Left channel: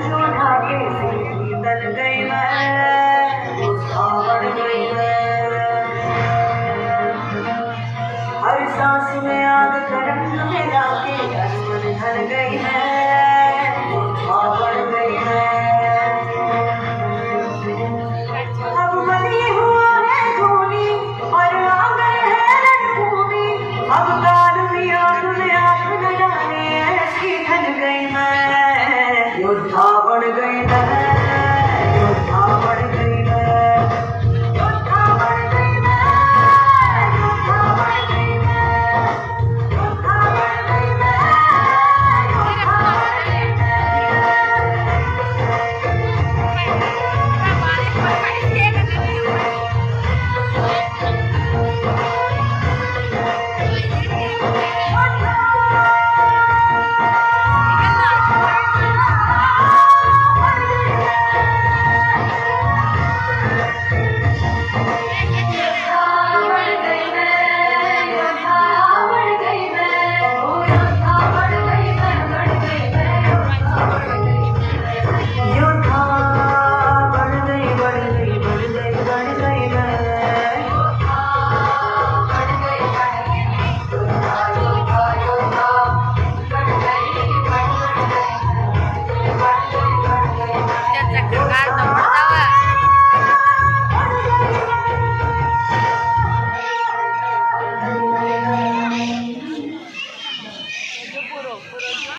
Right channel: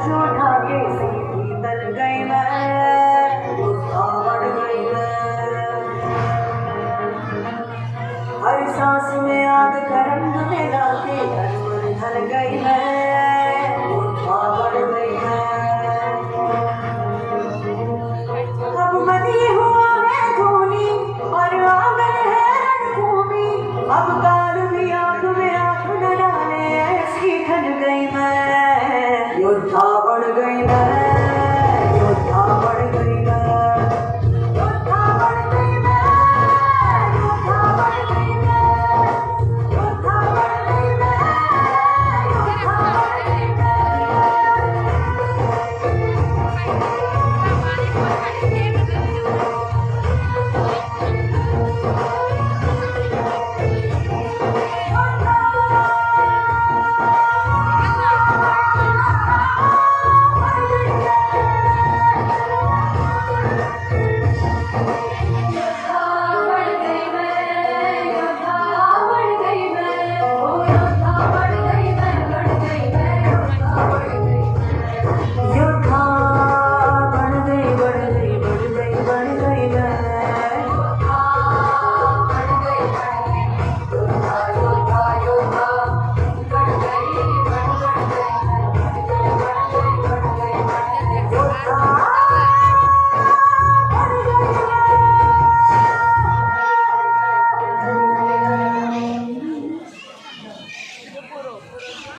उठा के सीधी तल गई मैं, आवड़ गई मैं। हर सांस में आग का रंग मिला के अनमन ढल गई मैं, आवड़ गई मैं। अब बनी हुआ है धूनी और आंगन है रणभूमि, अब काल में आंख न डाले ऐसी ठन गई मैं, योद्धा बन गई मैं, योद्धा बन गई मैं, योद्धा बन गई मैं, योद्धा बन गई मैं, योद्धा बन गई मैं, योद्धा बन गई Jangan